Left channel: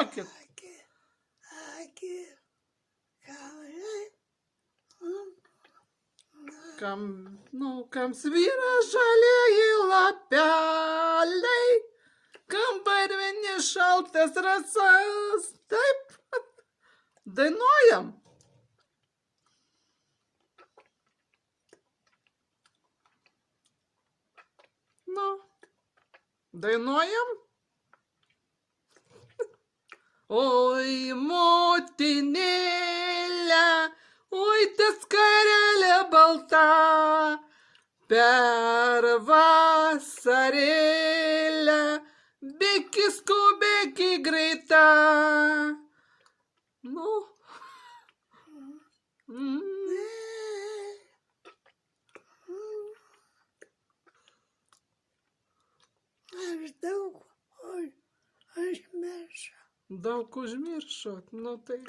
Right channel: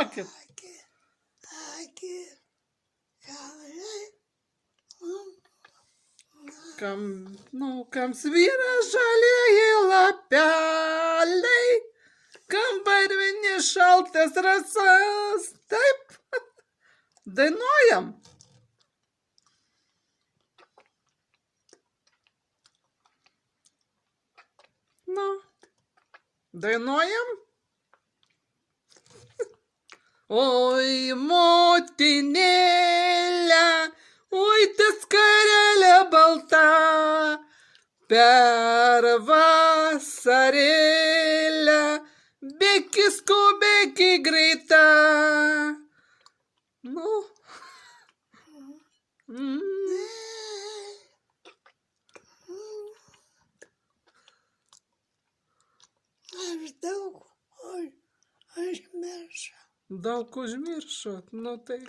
Dainuokit. Kam svyra žalieji lapeliai, kam barvini šaltas rasas. Taip, dainuojam. Nu, dainuojam. Oi, motinėlė, oi, tas karelė balta, per vasarėlę bėki skubėki greita. Nu. Daug užmiršot, nu tai